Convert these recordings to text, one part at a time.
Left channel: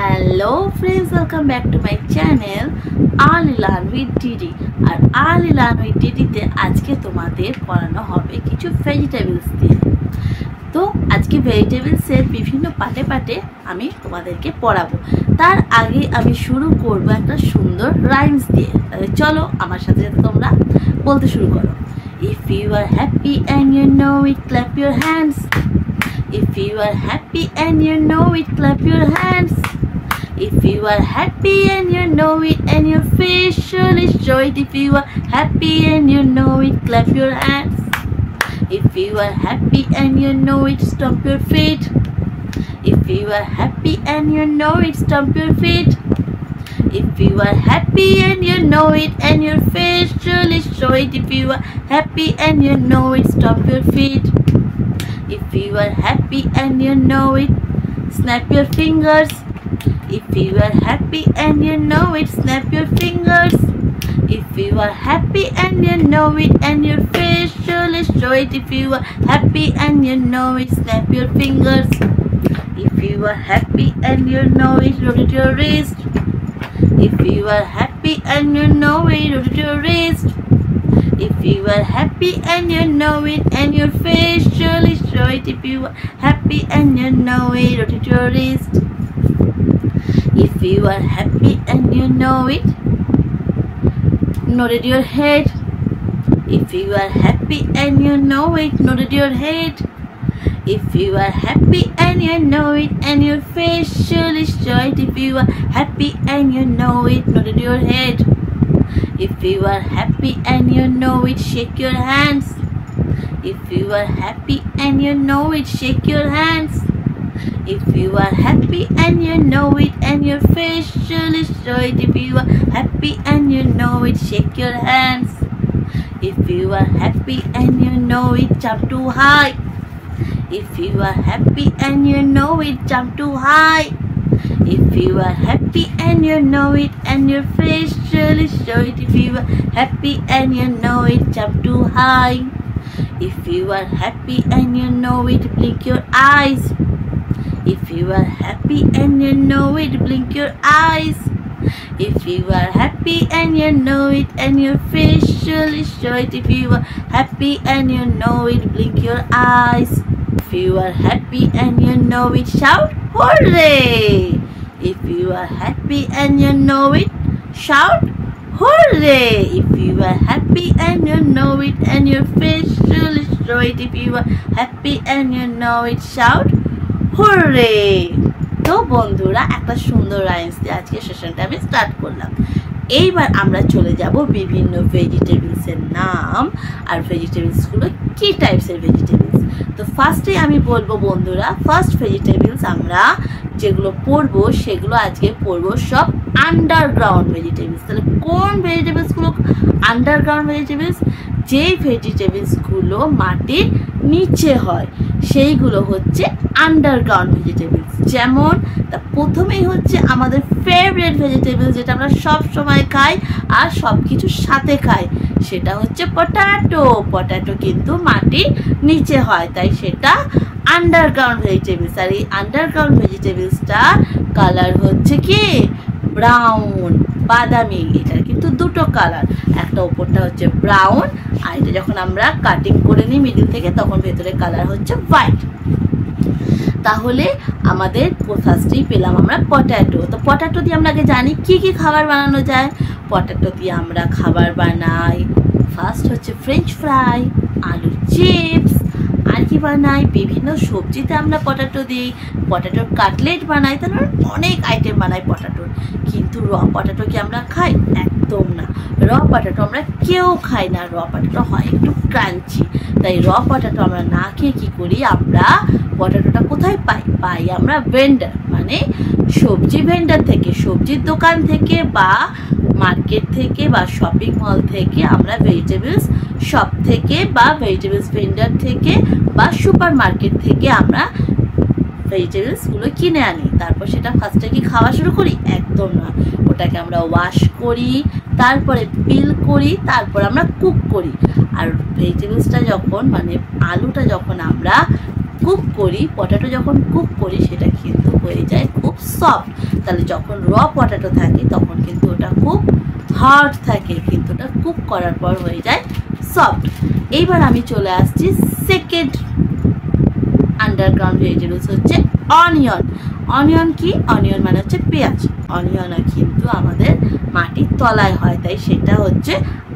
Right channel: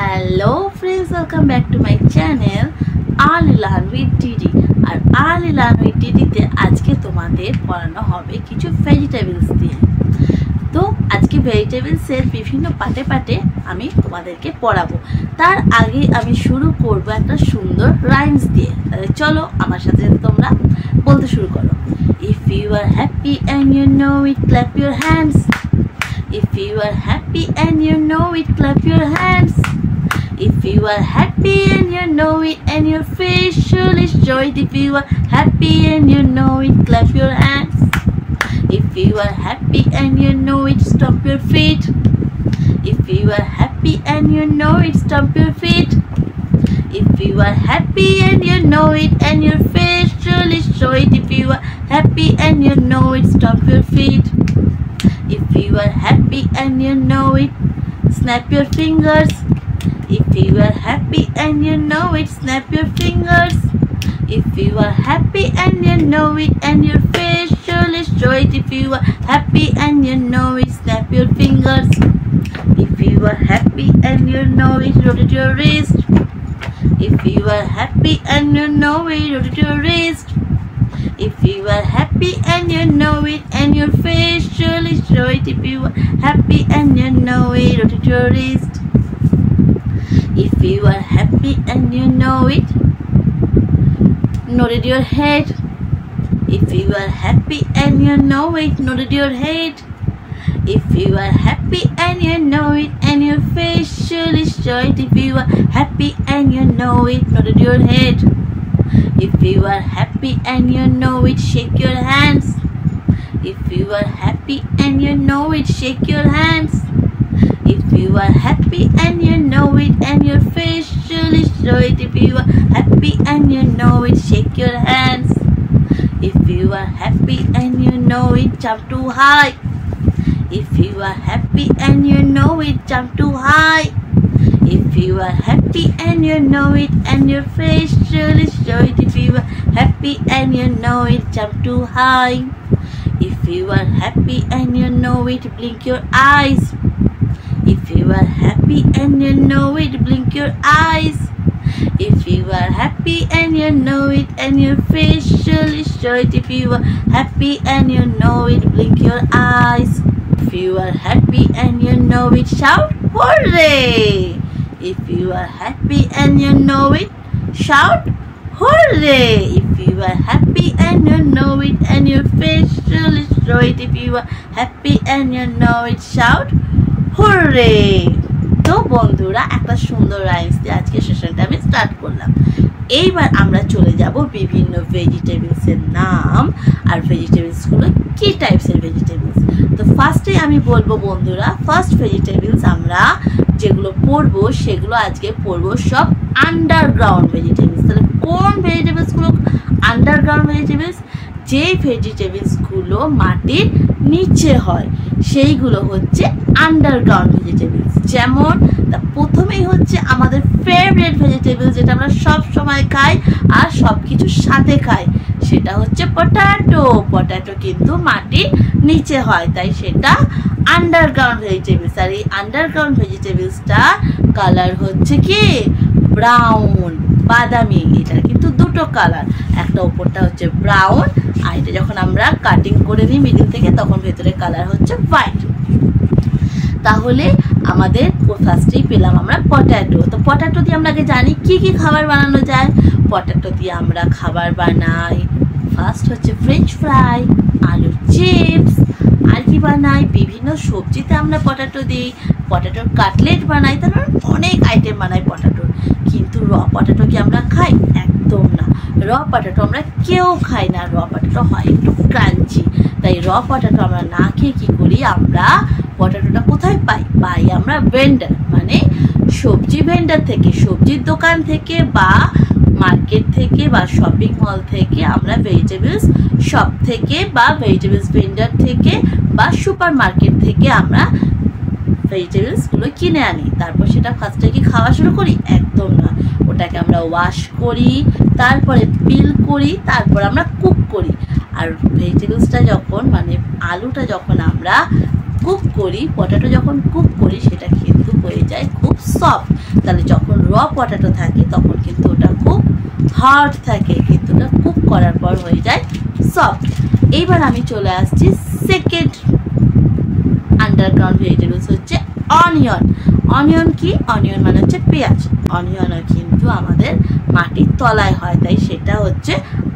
Hello friends, welcome back to my channel early learn with DD. আর early learn with ডিডিতে আজকে তোমাদের পড়ানো হবে কিছু ভেজিটেবলস দিয়ে। তো আজকে ভেজিটেবলসের বিভিন্ন পাটে পাটে আমি তোমাদেরকে পড়াবো। তার আগে আমি শুরু করব একটা সুন্দর রাইমস দিয়ে। তাহলে চলো আমার সাথে সাথে তোমরা বলতে শুরু করো। If you are happy and you know it, clap your hands. If you are happy and you know it, clap your hands. If you are happy and you know it and your face surely show it. If you are happy and you know it, clap your hands. If you are happy and you know it, stomp your feet. If you are happy and you know it, stomp your feet. If you are happy and you know it and your face surely show it. If you are happy and you know it, stomp your feet. If you are happy and you know it, snap your fingers. If you are happy and you know it, snap your fingers. If you are happy and you know it and your face surely show it. If you are happy and you know it, snap your fingers. If you are happy and you know it, rotate your wrist. If you are happy and you know it, rotate your wrist. If you are happy and you know it and your face surely show it. If you are happy and you know it, rotate your wrist. If you are happy and you know it, nod your head. If you are happy and you know it, nod your head. If you are happy and you know it and your face surely show it. If you are happy and you know it, nod your head. If you are happy and you know it, shake your hands. If you are happy and you know it, shake your hands. If you are happy and you know it and your face surely show it. If you are happy and you know it, shake your hands. If you are happy and you know it, jump too high. If you are happy and you know it, jump too high. If you are happy and you know it and your face surely show it. If you are happy and you know it, jump too high. If you are happy and you know it, blink your eyes. If you are happy and you know it, blink your eyes. If you are happy and you know it and your face surely show it. If you are happy and you know it, blink your eyes. If you are happy and you know it, shout hooray! If you are happy and you know it, shout hooray! If you are happy and you know it and your face surely show it. If you are happy and you know it, shout hooray! তো বন্ধুরা, একটা সুন্দর rhymes দিয়ে আজকে সেশনটা আমি start করলাম। এইবার আমরা চলে যাব বিভিন্ন ভেজিটেবলসের নাম আর ভেজিটেবলসগুলো কি টাইপসের ভেজিটেবলস। তো ফার্স্টে আমি বলবো বন্ধুরা, ফার্স্ট ভেজিটেবলস আমরা যেগুলো পড়বো সেগুলো আজকে পড়বো সব আন্ডারগ্রাউন্ড ভেজিটেবলস। তাহলে কোন ভেজিটেবলসগুলো আন্ডারগ্রাউন্ড ভেজিটেবলস? যেই ভেজিটেবলসগুলো মাটির নিচে হয় সেইগুলো হচ্ছে আন্ডারগ্রাউন্ড ভেজিটেবলস। যেমন প্রথমেই হচ্ছে আমাদের ফেভারিট ভেজিটেবলস, যেটা আমরা সব সময় খাই আর সব কিছুর সাথে খাই, সেটা হচ্ছে পটাটো। পটাটো কিন্তু মাটির নিচে হয়, তাই সেটা আন্ডারগ্রাউন্ড ভেজিটেবলস। আর এই আন্ডারগ্রাউন্ড ভেজিটেবলসটা কালার হচ্ছে কি ব্রাউন, বাদামি। এটার কিন্তু দুটো কালার, একটা উপরটা হচ্ছে ব্রাউন আর এটা যখন আমরা কাটিং করে নিই মিডিল থেকে তখন ভেতরে কালার হচ্ছে হোয়াইট। তাহলে আমাদের ফার্স্টেই পেলাম আমরা পটাটো। তো পটাটো দিয়ে আমরা আগে জানি কি কি খাবার বানানো যায়। পটাটো দিয়ে আমরা খাবার বানাই, ফার্স্ট হচ্ছে ফ্রেঞ্চ ফ্রাই, আলুর চিপস, আর কি বানাই বিভিন্ন সবজিতে আমরা পটাটো দিই, পটাটোর কাটলেট বানাই, তারপর অনেক আইটেম বানাই পটাটোর। কিন্তু র পটাটো কি আমরা খাই? একদম না, র পটাটো আমরা কেউ খাই না। র পটাটো হয় একটু ক্রাঞ্চি, তাই র পটাটো আমরা না খেয়ে কী করি, আমরা পটাটোটা কোথায় পাই? পাই আমরা ভেন্ডার, মানে সবজি ভেন্ডার থেকে, সবজির দোকান থেকে বা মার্কেট থেকে বা শপিং মল থেকে আমরা ভেজিটেবলস শপ থেকে বা ভেজিটেবলস ভেন্ডার থেকে বা সুপার মার্কেট থেকে আমরা ভেজিটেবলসগুলো কিনে আনি। তারপর সেটা ফার্স্টে কি খাওয়া শুরু করি? একদম না, ওটাকে আমরা ওয়াশ করি, তারপরে পিল করি, তারপর আমরা কুক করি। আর ভেজিটেবলসটা যখন মানে আলুটা যখন আমরা কুক করি, পটেটো যখন কুক করি সেটা কিন্তু হয়ে যায় খুব সফট। তাহলে যখন র পটেটো থাকে তখন কিন্তু ওটা খুব হার্ড থাকে, কিন্তু ওটা কুক করার পর হয়ে যায় সফট। এইবার আমি চলে আসছি সেকেন্ড আন্ডারগ্রাউন্ড ভেজিটেবলস হচ্ছে অনিয়ন। অনিয়ন কি? অনিয়ন মানে হচ্ছে পেঁয়াজ। অনিয়নও কিন্তু আমাদের মাটির তলায় হয়, তাই সেটা হচ্ছে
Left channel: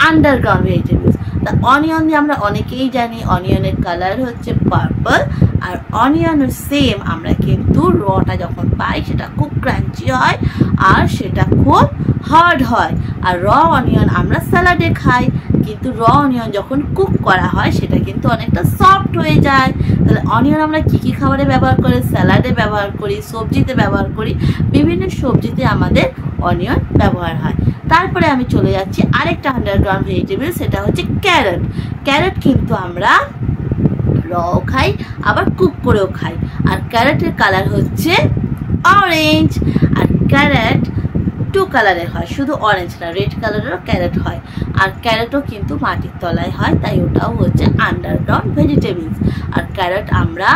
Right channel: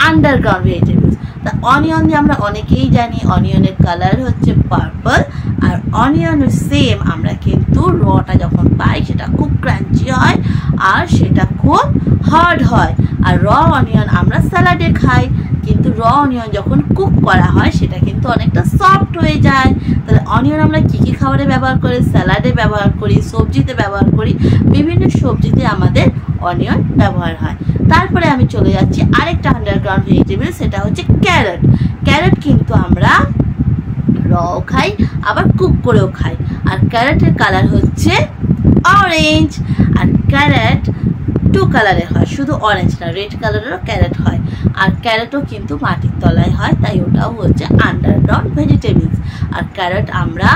আন্ডারগ্রাউন্ড ভেজিটেবলস। তা অনিয়ন দিয়ে আমরা অনেকেই জানি অনিয়নের কালার হচ্ছে পার্পল, আর অনিয়নের সেম আমরা কিন্তু রটা যখন পাই সেটা খুব ক্রাঞ্চি হয় আর সেটা খুব হার্ড হয়। আর র অনিয়ন আমরা স্যালাডে খাই, কিন্তু র অনিয়ন যখন কুক করা হয় সেটা কিন্তু অনেকটা সফট হয়ে যায়। তাহলে অনিয়ন আমরা কী কী খাবারে ব্যবহার করি? স্যালাডে ব্যবহার করি, সবজিতে ব্যবহার করি, বিভিন্ন সবজিতে আমাদের অনিয়ন ব্যবহার হয়। তারপরে আমি চলে যাচ্ছি আরেকটা আন্ডারগ্রাউন্ড ভেজিটেবল, সেটা হচ্ছে ক্যারট। ক্যারট কিন্তু আমরা রও খাই আবার কুক করেও খাই। আর ক্যারটের কালার হচ্ছে অরেঞ্জ। আর ক্যারট টু কালারের হয়, শুধু অরেঞ্জ না, রেড কালারেরও ক্যারট হয়। আর ক্যারটও কিন্তু মাটির তলায় হয়, তাই ওটাও হচ্ছে আন্ডারগ্রাউন্ড ভেজিটেবলস। আর ক্যারট আমরা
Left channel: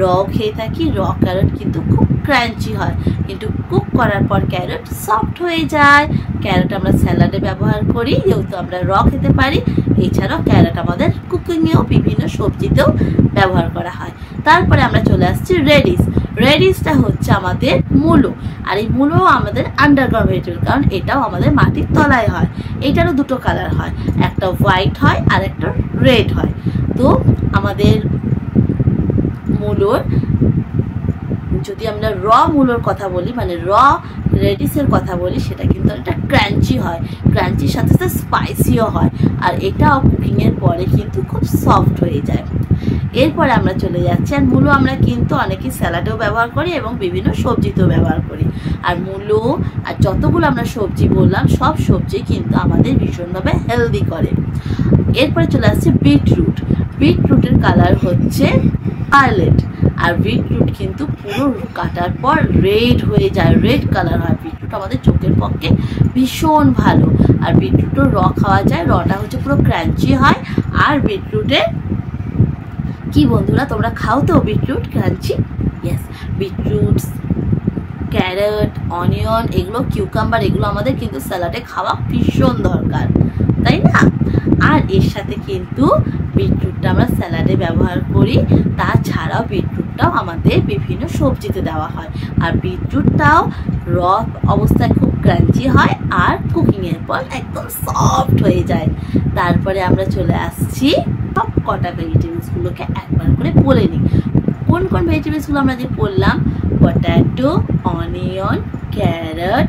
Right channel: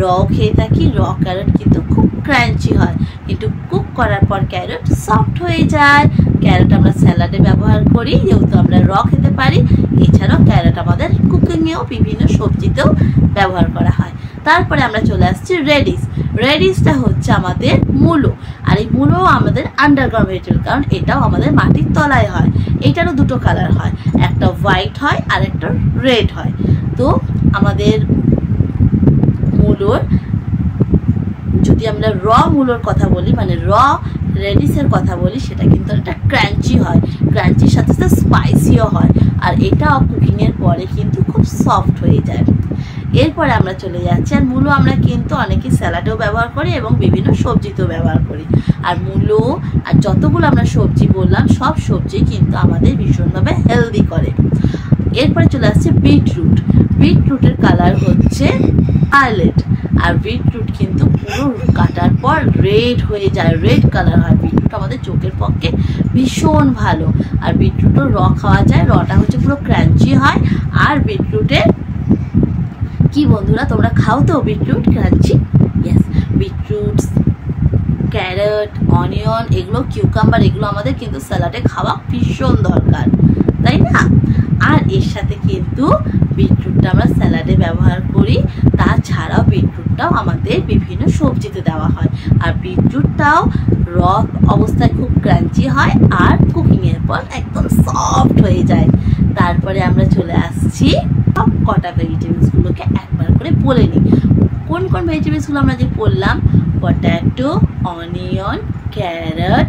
র খেয়ে থাকি, র ক্যারট কিন্তু খুব ক্রাঞ্চি হয়, কিন্তু কুক করার পর ক্যারট সফট হয়ে যায়। ক্যারট আমরা স্যালাডে ব্যবহার করি, যেহেতু আমরা র খেতে পারি। এছাড়াও ক্যারট আমাদের কুকিংয়েও বিভিন্ন সবজিতেও ব্যবহার করা হয়। তারপরে আমরা চলে আসছি রেডিশ। রেডিশটা হচ্ছে আমাদের মূলো, আর এই মূলো আমাদের আন্ডারগ্রাউন্ড ভেজিটেবল, কারণ এটাও আমাদের মাটির তলায় হয়। এইটারও দুটো কালার হয়, একটা হোয়াইট হয় আর একটা রেড হয়। তো আমাদের মূলোর, যদি আমরা র মূলোর কথা বলি, মানে র রেডিশের কথা বলি, সেটা কিন্তু একটা ক্রাঞ্চি হয়, ক্রাঞ্চির সাথে সাথে স্পাইসিও হয়। আর এটাও কুকিংয়ের পরে কিন্তু খুব সফট হয়ে যায়। এরপরে আমরা চলে যাচ্ছি, আর মূলো আমরা কিন্তু অনেকেই স্যালাডেও ব্যবহার করি এবং বিভিন্ন সবজিতেও ব্যবহার করি। আর মূলো আর যতগুলো আমরা সবজি বললাম, সব সবজি কিন্তু আমাদের ভীষণভাবে হেলদি করে। এরপরে চলে আসছে বিটরুট। বিটরুটের কালার হচ্ছে ভায়োলেট। আর বিটরুট কিন্তু পুরো কাটার পর রেড হয়ে যায়, রেড কালার হয়। বিটরুট আমাদের চোখের পক্ষে ভীষণ ভালো। আর বিটরুটও র খাওয়া যায়, রটা হচ্ছে পুরো ক্রাঞ্চি হয়। আর বিটরুটের কি বন্ধুরা, তোমরা খাও তো beetroot crunchy? Yes, beetroot, carrot, onion, এগুলো কিউকাম্বার, এগুলো আমাদের কিন্তু স্যালাডে খাওয়া ভীষণ দরকার, তাই না? আর এর সাথে কিন্তু বিটরুটটা আমরা স্যালাডে ব্যবহার করি, তাছাড়াও বিটরুটটাও আমাদের বিভিন্ন সবজিতে দেওয়া হয়। আর বিটরুটটাও র অবস্থায় খুব ক্রাঞ্চি হয় আর কুকিংয়ের পর একদম সফট হয়ে যায়। তারপরে আমরা চলে আসছি সব কটা ভেজিটেবলসগুলোকে একবার করে বলে নিই। কোন কোন ভেজিটেবলসগুলো আমরা যে বললাম? পটেটো, অনিয়ন, ক্যারট,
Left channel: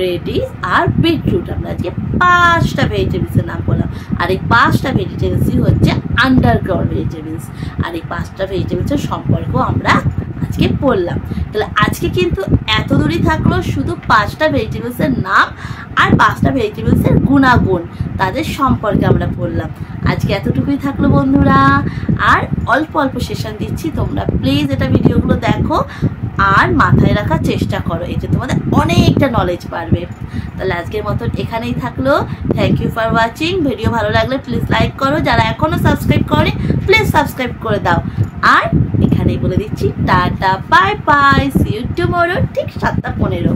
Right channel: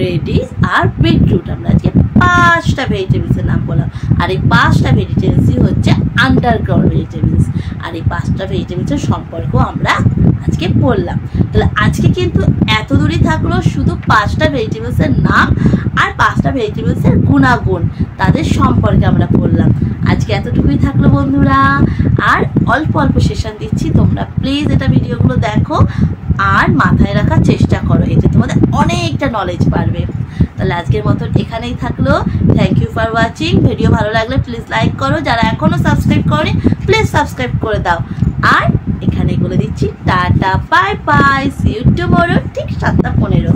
রেডিশ আর বিটরুট। আমরা আজকে 5টা ভেজিটেবলসের নাম বললাম। আর এই 5টা ভেজিটেবলসই হচ্ছে আন্ডারগ্রাউন্ড ভেজিটেবলস। আর এই 5টা ভেজিটেবলসের সম্পর্ক আমরা আজকে পড়লাম। তাহলে আজকে কিন্তু এত দূরই থাকলো শুধু 5টা ভেজিটেবলসের নাম আর 5টা ভেজিটেবলসের গুণাগুণ, তাদের সম্পর্কে আমরা পড়লাম। আজকে এতটুকুই থাকলো বন্ধুরা। আর অল্প অল্প সেশন দিচ্ছি, তোমরা প্লিজ এটা ভিডিওগুলো দেখো আর মাথায় রাখার চেষ্টা করো, এতে তোমাদের অনেকটা নলেজ বাড়বে। তাহলে আজকের মতন এখানেই থাকলো। Thank you for watching. Video ভালো লাগলে প্লিজ লাইক করো, যারা এখনো সাবস্ক্রাইব করেনি প্লিজ সাবস্ক্রাইব করে দাও। আর এখানেই বলে দিচ্ছি tata, bye bye, see you tomorrow, ঠিক 7টা 15।